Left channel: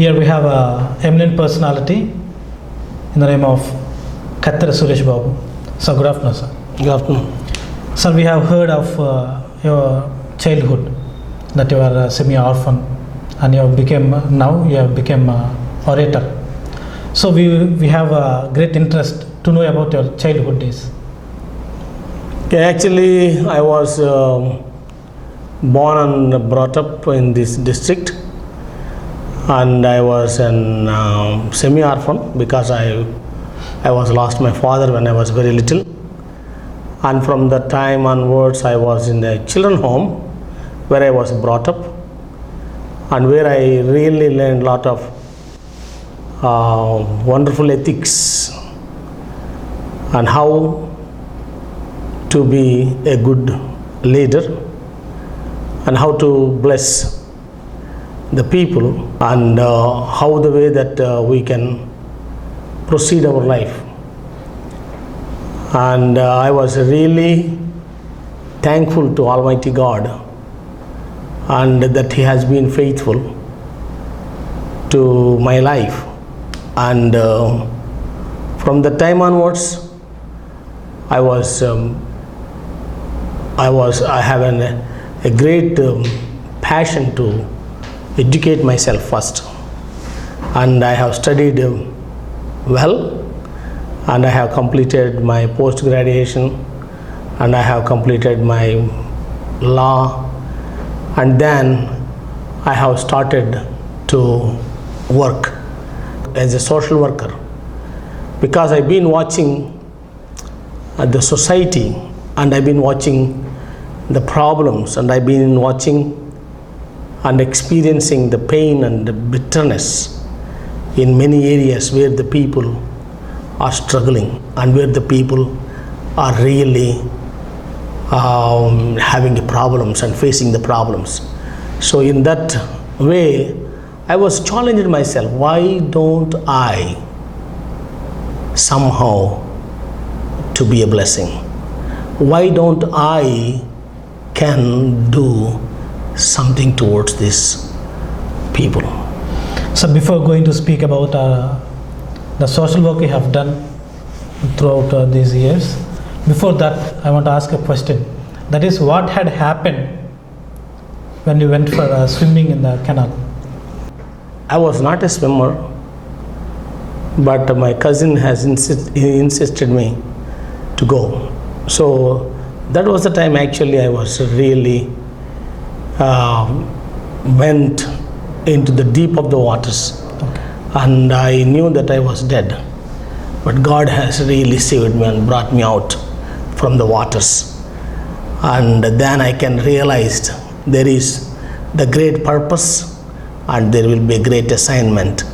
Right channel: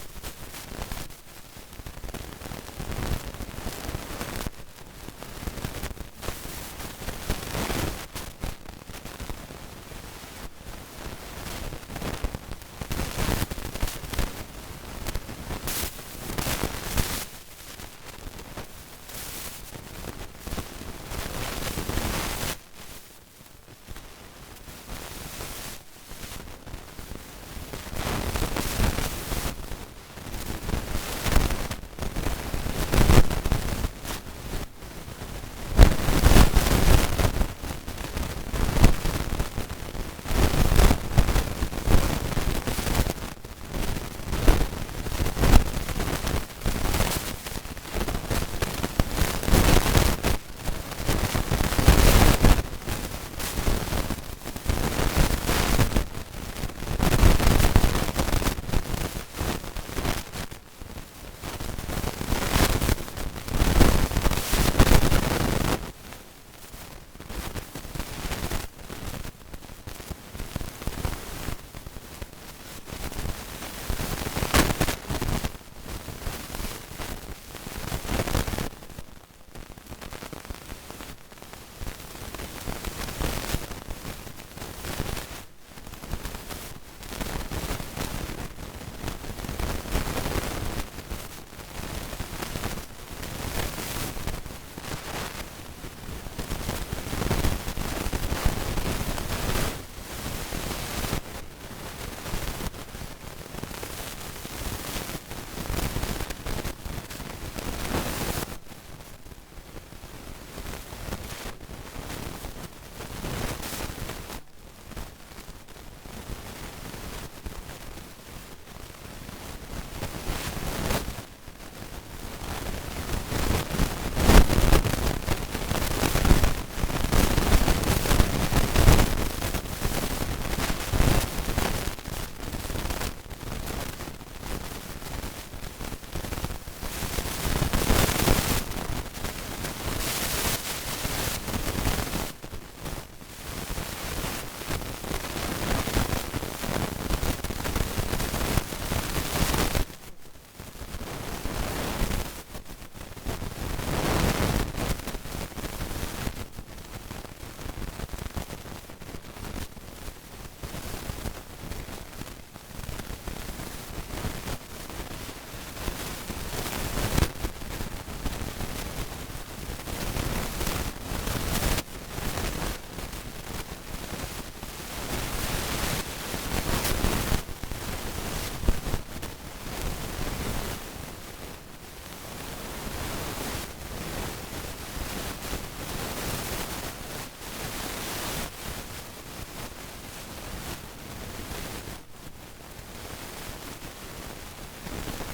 Here we have a eminent personality in the name of Kathera Suresh Babu. So good afternoon, sir. Good afternoon. Sir, we have heard of your childhood, that you are a semi-orphan, and you have become orator. So we have a great interest to know about your childhood days. Yeah, actually, I was born and brought up in this district, and I was an semi-orphan because I was lost my father when I was very little, and from that time onwards I was in a children home where I was brought up and where I really learned a lot of wonderful ethics and how to be a good leader and how to bless the people and how the way that we can proceed our life. And I was really thankful to Almighty God and that He has been faithful to my life. And from the time onwards, I have a great passion to educate myself first, and I have studied well, and I have completed my post-graduation, and I have completed my law, and then I have started to work as a social worker because I've been watching the society, and I've been watching the problems, and I've been watching and experiencing the pain and the bitterness in many areas where the people are struggling and where the people are really having problems and facing the problems. So in that way, I was challenging myself, why don't I somehow to be a blessing? Why don't I can do something towards these people? So before going to speak about the social work you have done throughout these years, before that I want to ask a question. That is, what had happened when you went for swimming in the canal? I was not a swimmer, but my cousin has insisted me to go. So that was the time actually I was really went into the deep of the waters, and I knew that I was dead, but God has really saved me and brought me out from the waters. And then I can realize there is the great purpose and there will be a great assignment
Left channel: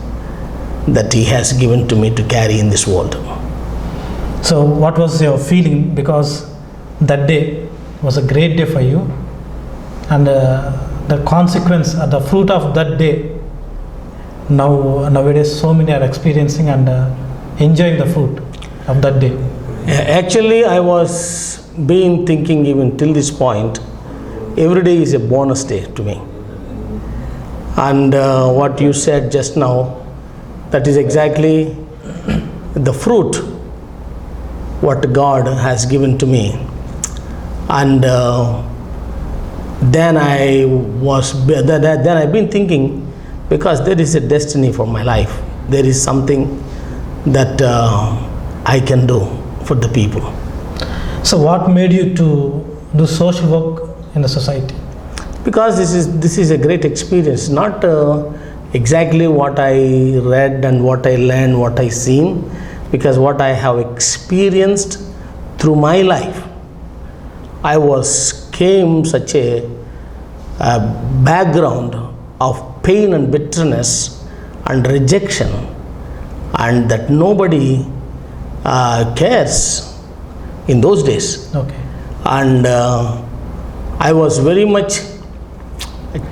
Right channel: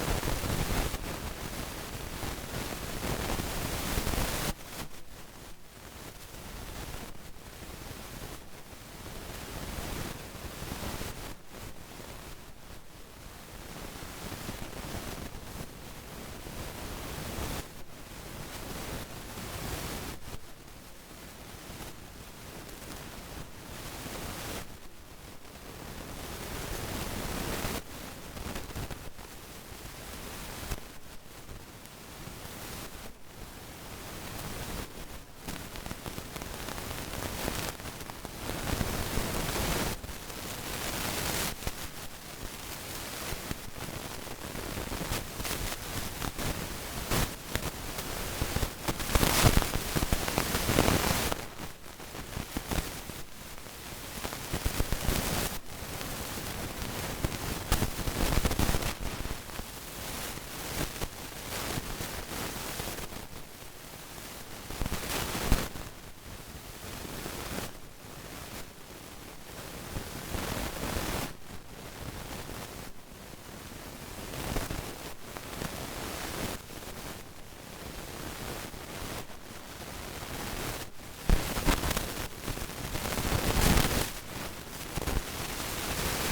that He has given to me to carry in this world. So what was your feeling, because that day was a great day for you, and the consequence, the fruit of that day, nowadays so many are experiencing and enjoying the fruit of that day? Actually, I was thinking even till this point, every day is a bonus day to me. And what you said just now, that is exactly the fruit what God has given to me. And then I've been thinking, because there is a destiny for my life, there is something that I can do for the people. So what made you to do social work in the society? Because this is a great experience, not exactly what I read and what I learned, what I seen, because what I have experienced through my life. I came such a background of pain and bitterness and rejection, and that nobody cares in those days. Okay. And I was very much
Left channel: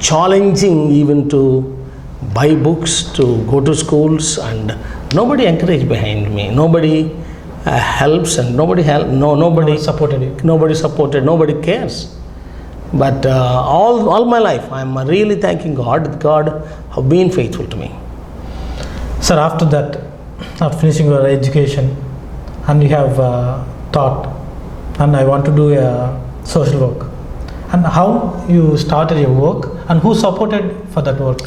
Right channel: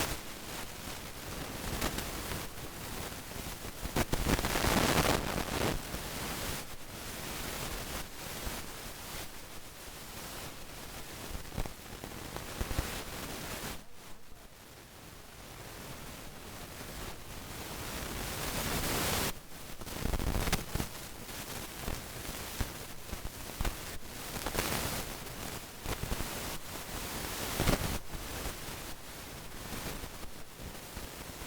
challenging even to buy books, to go to schools, and nobody encouraged behind me. Nobody helps, and nobody supported you. Nobody supported, nobody cares. But all my life, I'm really thanking God. God have been faithful to me. Sir, after that, after finishing your education, and you have thought, and I want to do a social work. And how you started your work, and who supported for that work?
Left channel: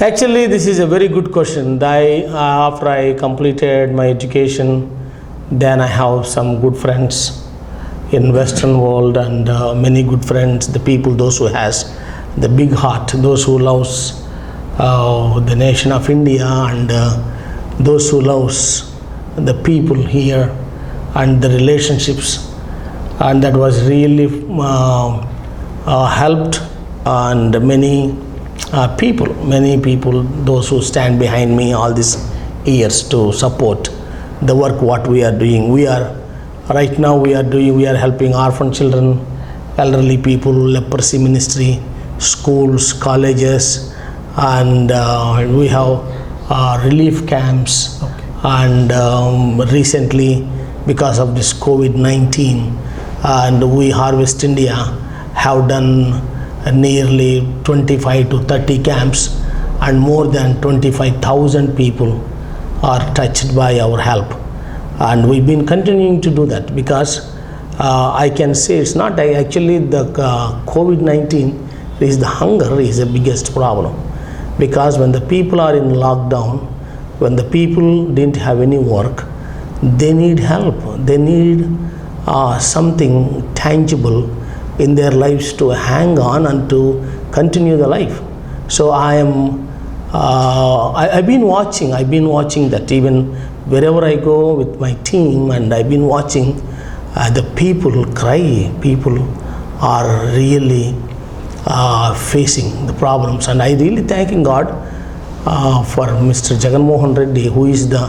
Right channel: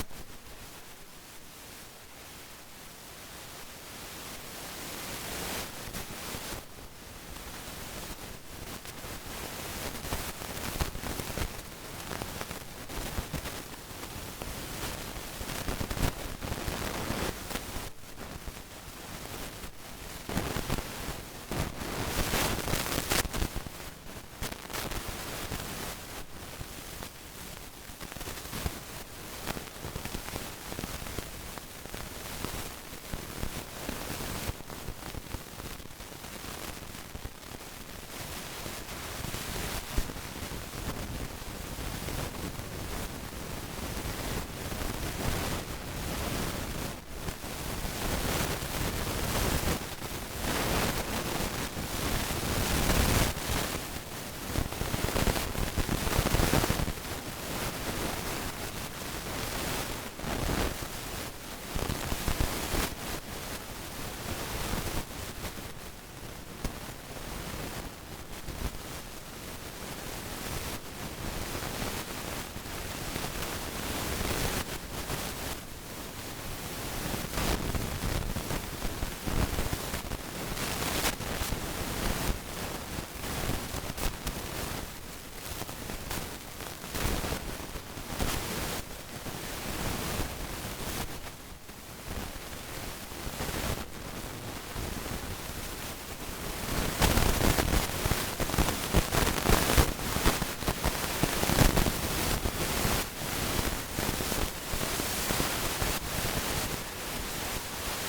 Actually, this is a very good question. After I completed my education, then I have some good friends in Western world, and many good friends, the people, those who has the big heart, those who loves the nation of India, and those who loves the people here and the relationships, and that was really helped, and many people, those who stand behind me all these years to support the work what we are doing. Right now we are helping orphan children, elderly people, leprosy ministry, schools, colleges, and we have relief camps, and recently because of this COVID-19, and we Harvest India have done nearly 25 to 30 camps, and more than 25,000 people are touched by our help. And we've been continuing to do that because I can say it's not actually the COVID-19 is the hunger is the biggest problem. Because when the people are in lockdown, when the people didn't have any work, they need help. They need something tangible in their lives to hang on and to continue the life. So I've been watching that even wherever I go with my team, and I've been watching the people cry. People are really facing the problems, and I really thanking God for Mr. Jagan Mohan Reddy, who is the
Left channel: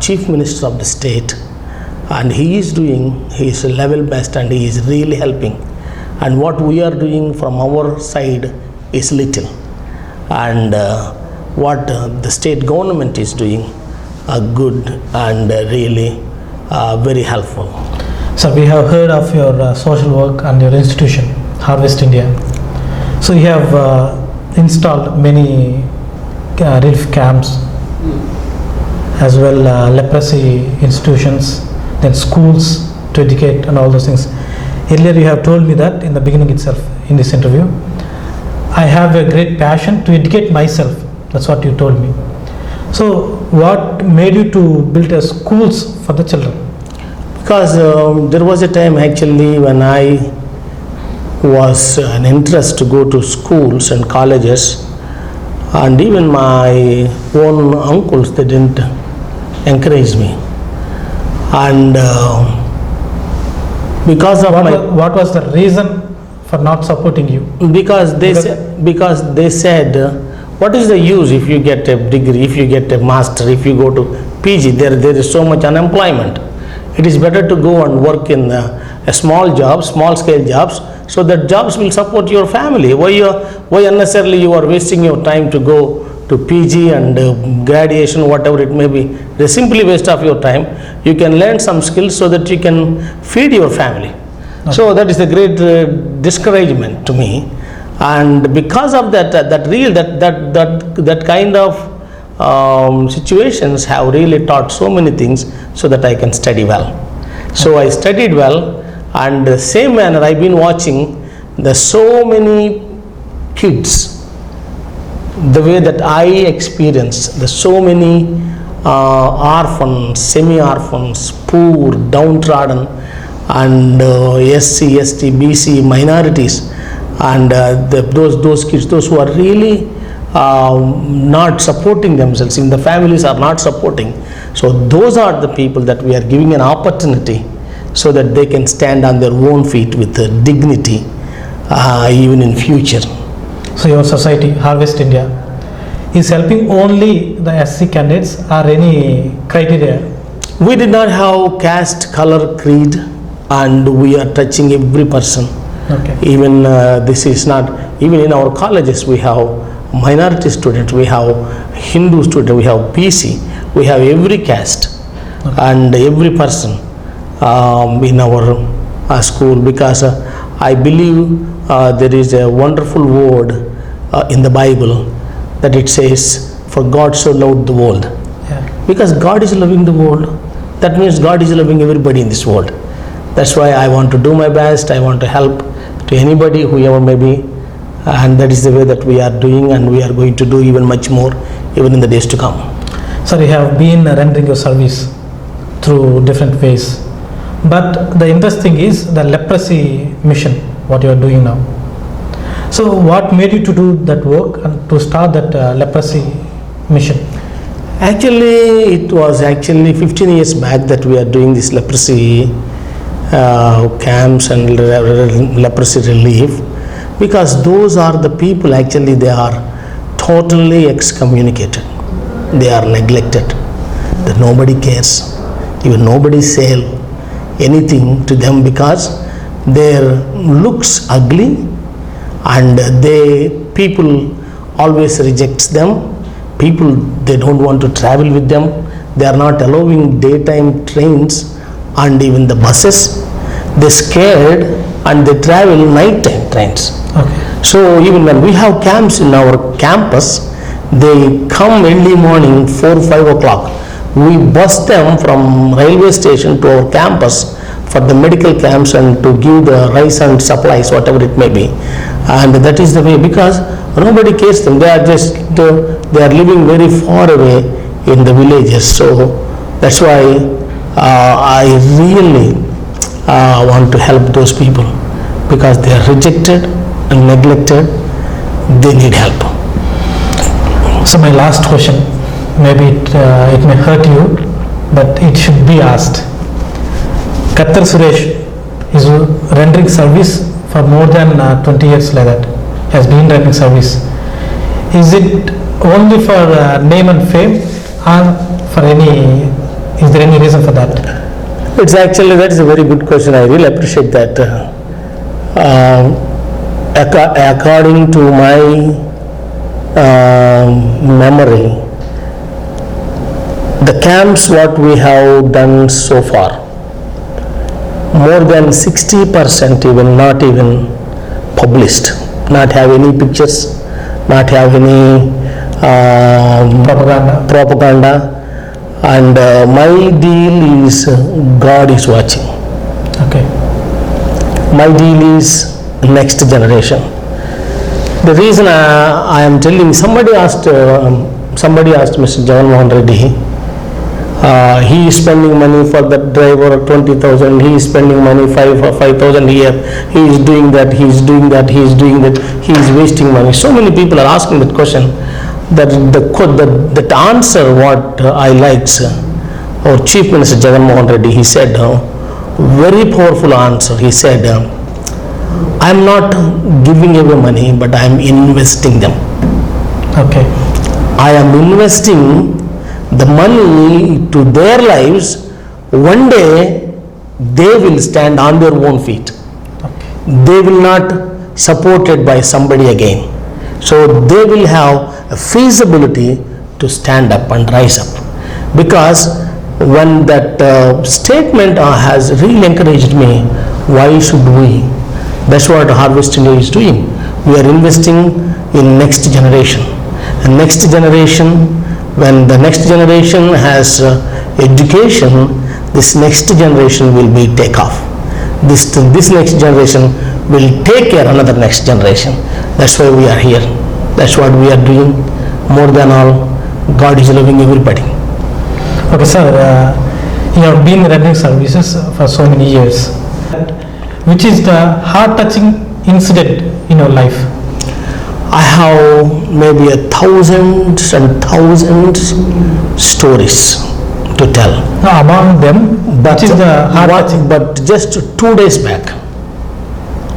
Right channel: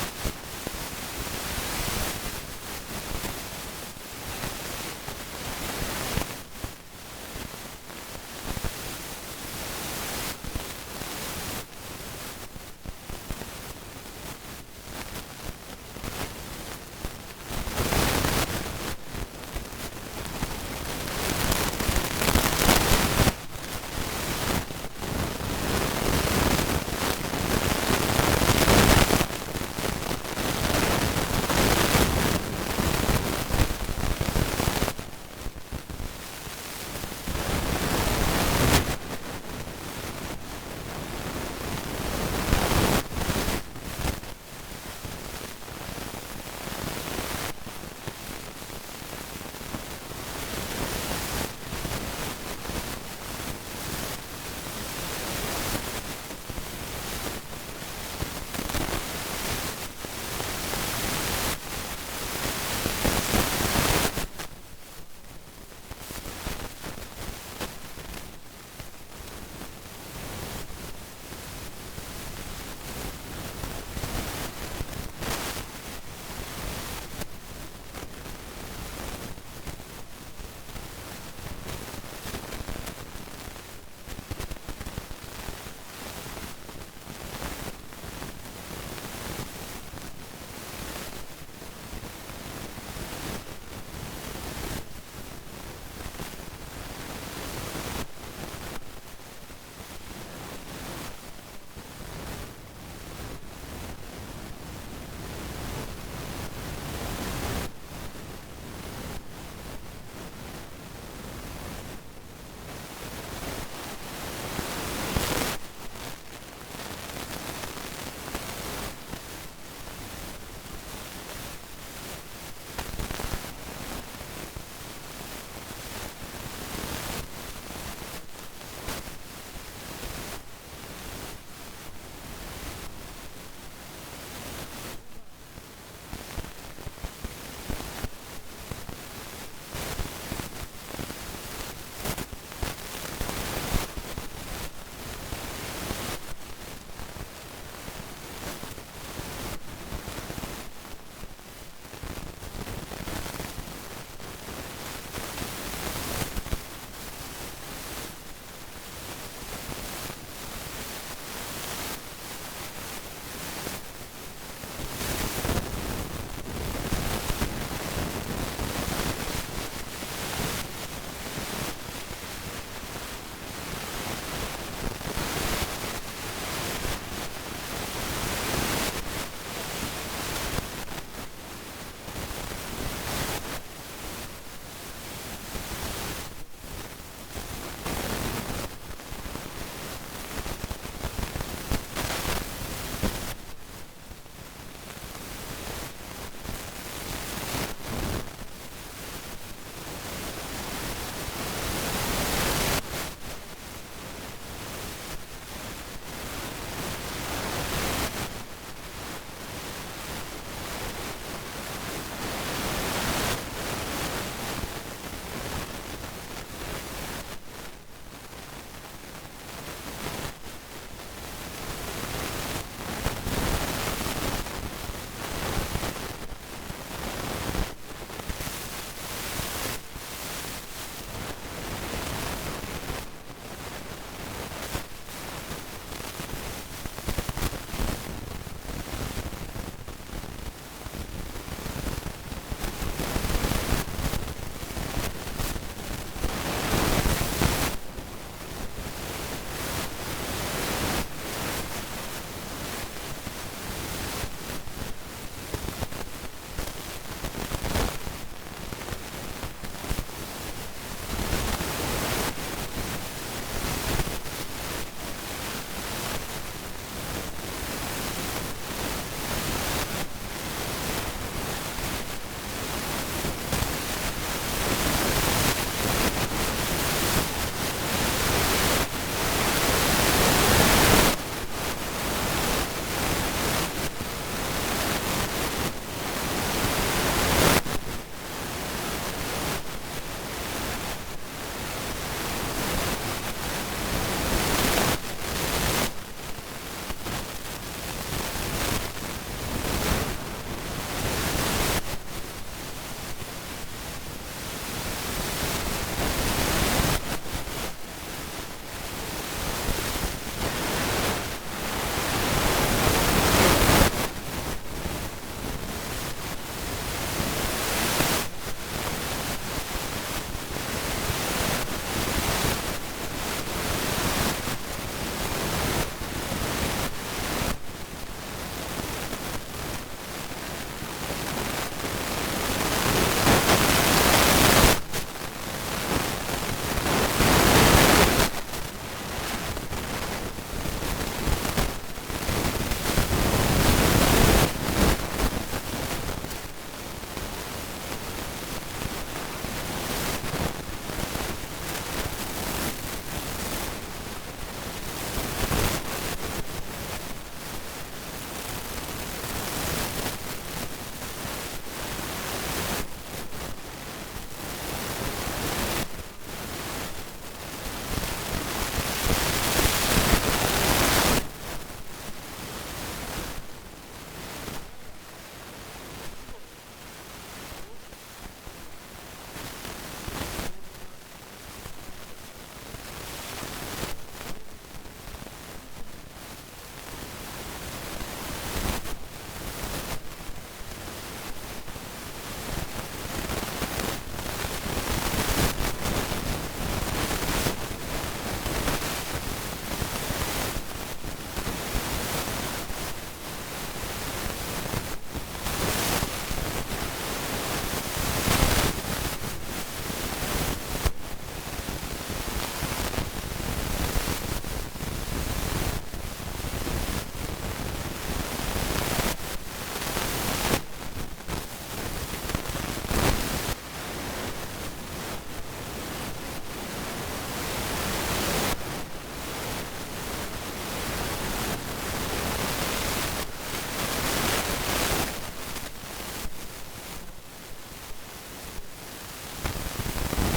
Chief Minister of the state, and he is doing his level best, and he is really helping. And what we are doing from our side is little, and what the state government is doing good and really very helpful. So we have heard of your social work and your institution, Harvest India. So you have installed many relief camps, as well leprosy institutions and schools to educate and all those things. Earlier you have told me that in the beginning itself in this interview, I have a great passion to educate myself. That's what you told me. So what made you to build a schools for the children? Because there was a time actually when I was an interest to go to schools and colleges, and even my own uncles, they didn't encourage me. And because of what was the reason for not supporting you? Because they said, what is the use if you get a degree, if you get a master, if you go to PG, there is so much unemployment. It is better to go and work in a small job, small scale jobs, so that jobs will support your family. Why unnecessarily you are wasting your time to go to PG and graduation, whatever it may be. They simply waste of your time. You can learn some skills so that you can feed your family. Okay. So that is a great discouragement to me. And because of that kind of situations have really taught so many things so that I can study well. So I studied well, and the same manner I've been watching so many kids, the way that I experienced so many orphans, semi-orphans, poor, downtrodden, and SC, ST, BC minorities, and those kids, those who are really not supporting themselves, even the families are not supporting. So those are the people that we are giving an opportunity so that they can stand on their own feet with dignity even in future. So your society, Harvest India, is helping only the SC candidates or any criteria? We did not have caste, color, creed, and we are touching every person. Okay. Even this is not, even in our colleges we have minority students, we have Hindu students, we have PC, we have every caste and every person in our school, because I believe there is a wonderful word in the Bible that it says, for God so loved the world. Yeah. Because God is loving the world, that means God is loving everybody in this world. That's why I want to do my best. I want to help to anybody, whoever may be, and that is the way that we are doing, and we are going to do even much more, even in the days to come. Sir, you have been rendering your service through different ways. But the interesting is the leprosy mission, what you are doing now. So what made you to do that work and to start that leprosy mission? Actually, it was actually 15 years back that we are doing this leprosy camps and leprosy relief, because those are the people actually they are totally excommunicated. They are neglected. That nobody cares. Even nobody say anything to them because their looks ugly, and people always rejects them. People, they don't want to travel with them. They are not allowing daytime trains and even the buses. They're scared and they travel nighttime trains. Okay. So even when we have camps in our campus, they come early morning 4 or 5 o'clock. We bus them from railway station to our campus for the medical camps and to give the rice and supplies, whatever it may be. And that is the way, because nobody cares them. They are just they are living very far away in the villages. So that's why I really want to help those people, because they are rejected and neglected. They need help. So my last question, maybe it may hurt you, but it should be asked. Kathera Suresh is rendering service for more than 20 years like that, has been rendering service. Is it only for name and fame, or for is there any reason for that? It's actually, that is a very good question. I really appreciate that. According to my memory, the camps what we have done so far, more than 60% even not even published, not have any pictures, not have any propaganda, and my deal is God is watching. Okay. My deal is next generation. The reason I am telling, somebody asked Mr. Jagan Reddy, he is spending money for the driver 20,000, he is spending money 5,000 here, he is doing that, he is doing that, he is doing that, he is wasting money. So many people are asking that question. That answer what I liked, our Chief Minister Jagan Reddy, he said, very powerful answer. He said, I am not giving away money, but I am investing them. Okay. I am investing the money to their lives. One day they will stand on their own feet. They will not supported by somebody again. So they will have a feasibility to stand up and rise up. Because when that statement has really encouraged me, why should we? That's what Harvest India is doing. We are investing in next generation. And next generation, when the next generation has education, this next generation will be take off. This next generation will take care of another next generation. That's why we are here. That's what we are doing. More than all, God is loving everybody. Okay, sir, you have been rendering services for so many years. Which is the heart-touching incident in your life? I have maybe 1,000s and thousands stories to tell. Now, among them, which is the heart-touching? But just 2 days back,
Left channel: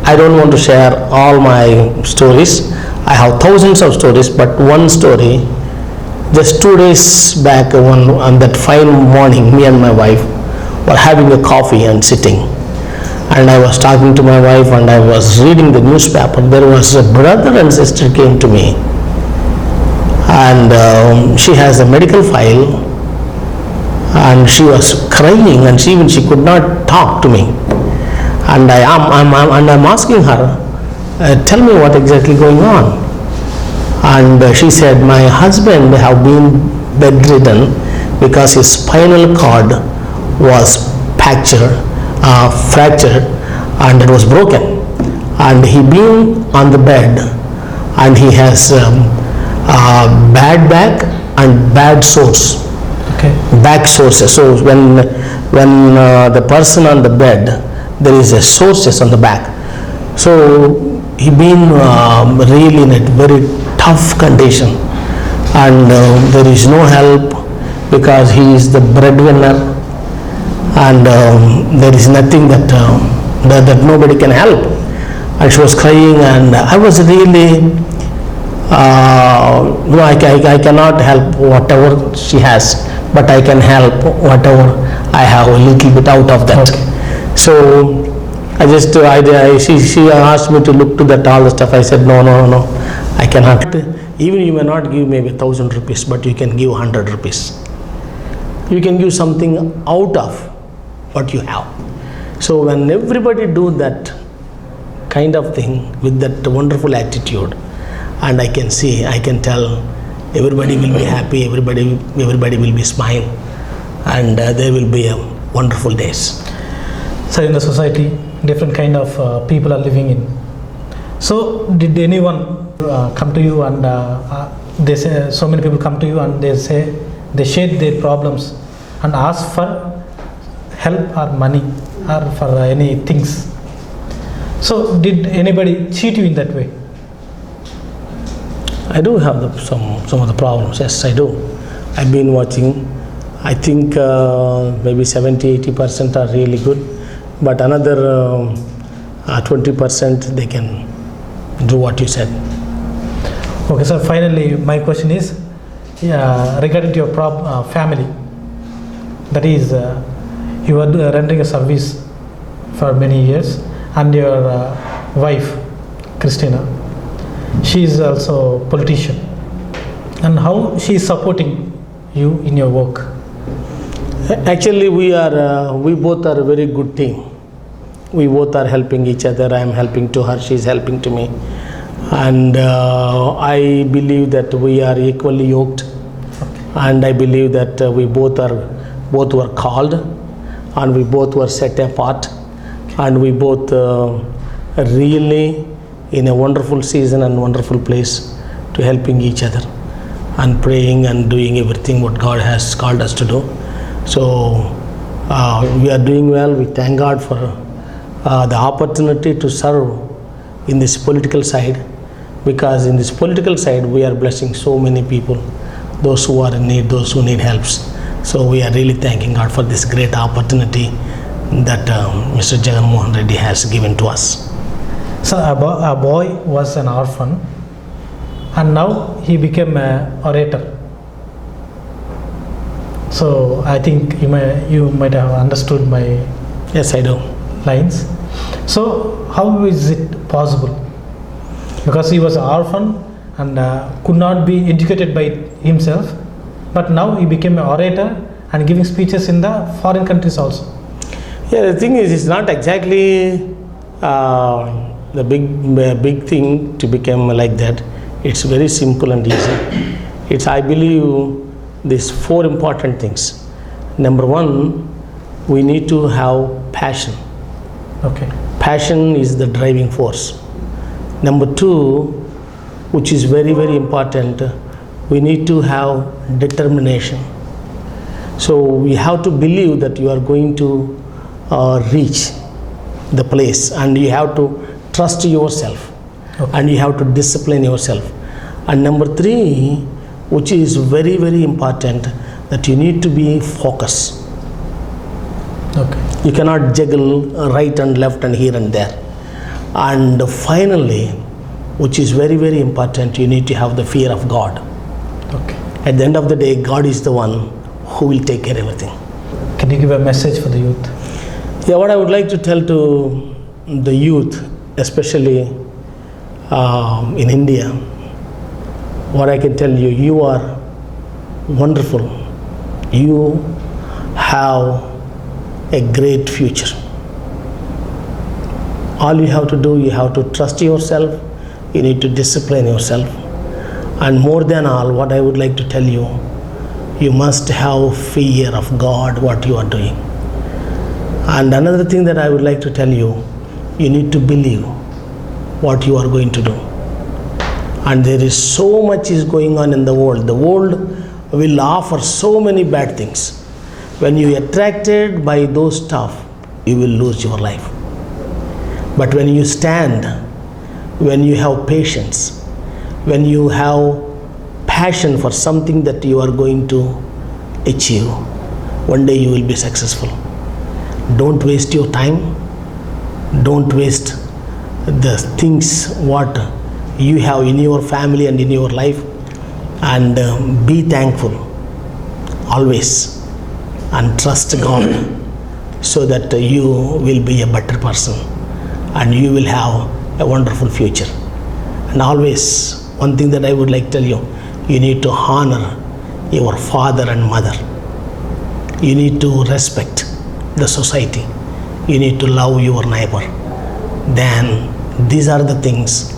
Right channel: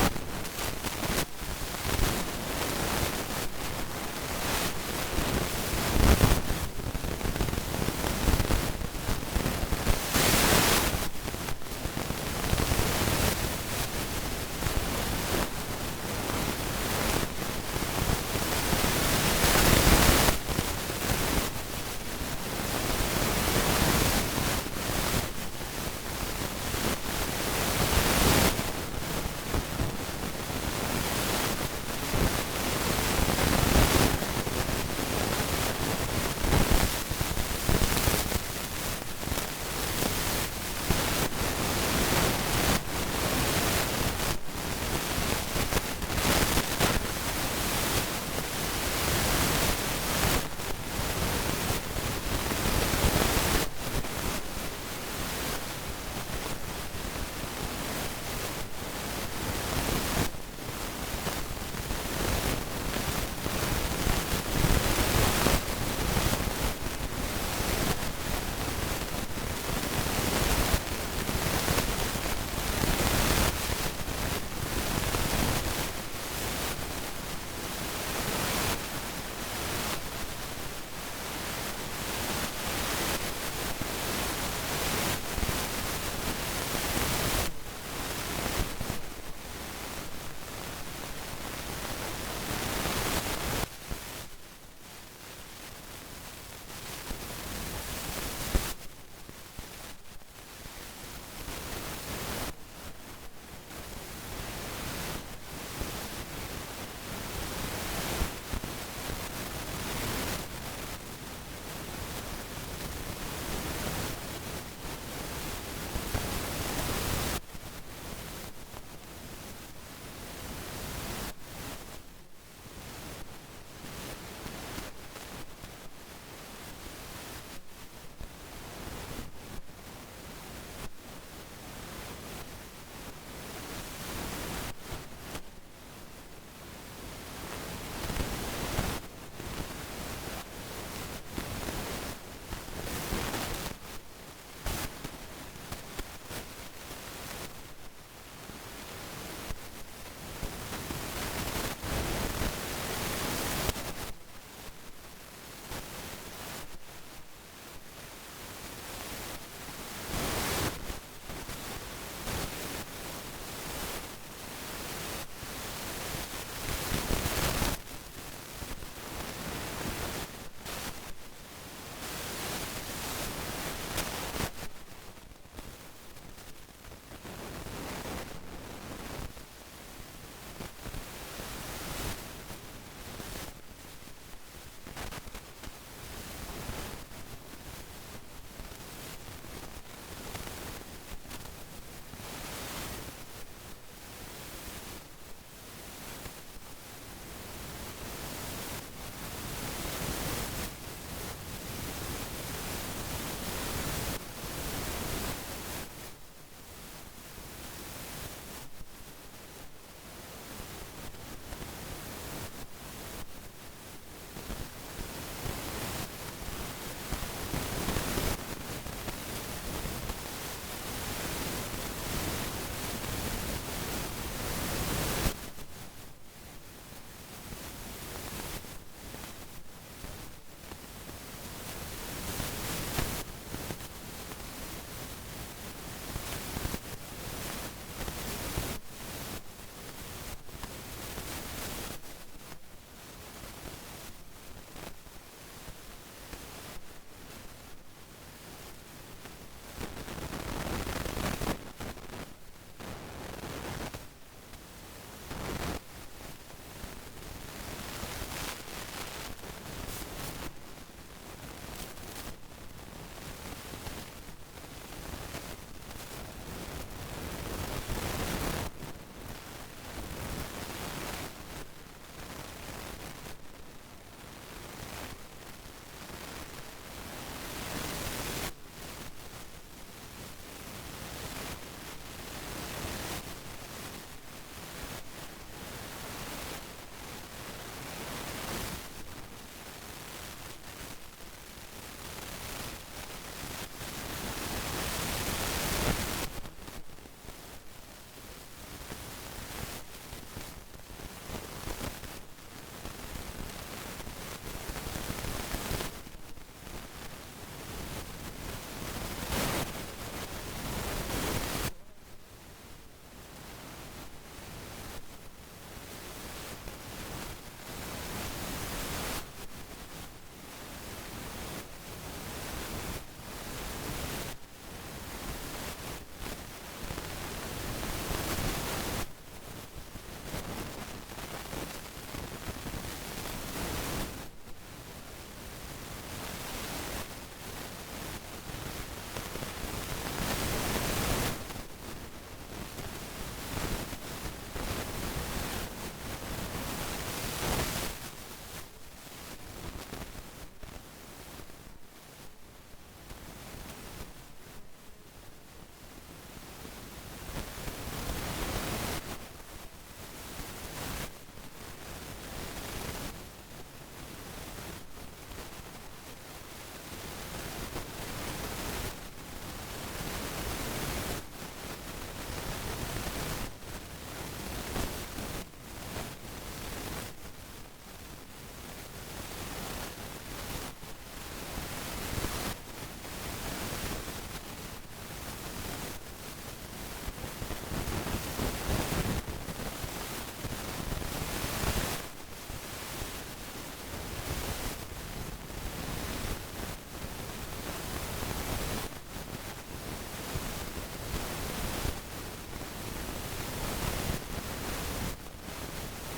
I don't want to share all my stories. I have thousands of stories, but one story, just 2 days back, on that fine morning, me and my wife were having a coffee and sitting. And I was talking to my wife and I was reading the newspaper. There was a brother and sister came to me. And she has a medical file. And she was crying and she could not talk to me. And I'm asking her, tell me what exactly going on. And she said, my husband have been bedridden because his spinal cord was fractured and it was broken. And he been on the bed and he has bad back and bad sores. Okay. Back sources. So when the person on the bed, there is a sources on the back. So he been really in a very tough condition, and there is no help because he is the breadwinner, and there is nothing that nobody can help. And she was crying, and I was really, I cannot help whatever she has, but I can help whatever I have a little bit out of that. Okay. So she asked me to look to that all the stuff. I said, no, I cannot. Even you may not give maybe 1,000 rupees, but you can give 100 rupees. You can give something out of what you have. So when everybody do that kind of thing with that wonderful attitude, and I can tell everybody will be happy, everybody will be smile, and there will be a wonderful days. So in the society, different kind of people are living in. So did anyone come to you and they say, so many people come to you and they say, they share their problems and ask for help or money or for any things. So did anybody cheat you in that way? I do have some of the problems. Yes, I do. I've been watching. I think maybe 70-80% are really good, but another 20% they can do what you said. Okay, so finally my question is regarding to your family. That is, you are rendering a service for many years, and your wife, Christina, she is also a politician. And how she is supporting you in your work? Actually, we both are a very good team. We both are helping each other. I am helping to her, she is helping to me. And I believe that we are equally yoked. And I believe that we both were called, and we both were set apart, and we both really in a wonderful season and wonderful place to helping each other and praying and doing everything what God has called us to do. So we are doing well. We thank God for the opportunity to serve in this political side, because in this political side we are blessing so many people, those who are in need, those who need helps. So we are really thanking God for this great opportunity that Mr. Jagan Mohan Reddy has given to us. So a boy was an orphan, and now he became an orator. So I think you might have understood my Yes, I do. lines. So how is it possible? Because he was an orphan and could not be educated by himself, but now he became an orator and giving speeches in the foreign countries also. Yeah, the thing is, it's not exactly the big thing to become like that. It's very simple and easy. I believe these 4 important things. Number 1, we need to have passion. Okay. Passion is the driving force. Number 2, which is very, very important, we need to have determination. So we have to believe that you are going to reach the place, and you have to trust yourself. Okay. And you have to discipline yourself. And number 3, which is very, very important, that you need to be focused. Okay. You cannot juggle right and left and here and there. And finally, which is very, very important, you need to have the fear of God. Okay. At the end of the day, God is the one who will take care of everything. Can you give a message for the youth? Yeah, what I would like to tell to the youth, especially in India, what I can tell you, you are wonderful. You have a great future. All you have to do, you have to trust yourself, you need to discipline yourself, And more than all, what I would like to tell you, you must have fear of God, what you are doing. And another thing that I would like to tell you, you need to believe what you are going to do. And there is so much is going on in the world. The world will offer so many bad things. When you are attracted by those stuff, you will lose your life. But when you stand, when you have patience, when you have passion for something that you are going to achieve, one day you will be successful. Don't waste your time. Don't waste the things what you have in your family and in your life, and be thankful always, and trust God, so that you will be a better person and you will have a wonderful future. And always, one thing that I would like to tell you, you need to honor your father and mother. You need to respect the society. You need to love your neighbor. Then these are the things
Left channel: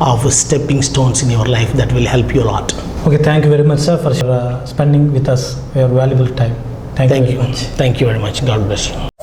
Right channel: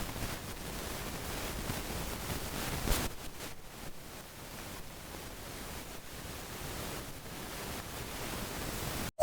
of stepping stones in your life that will help you a lot. Okay, thank you very much, sir, for spending with us your valuable time. Thank you very much. Thank you very much. God bless you.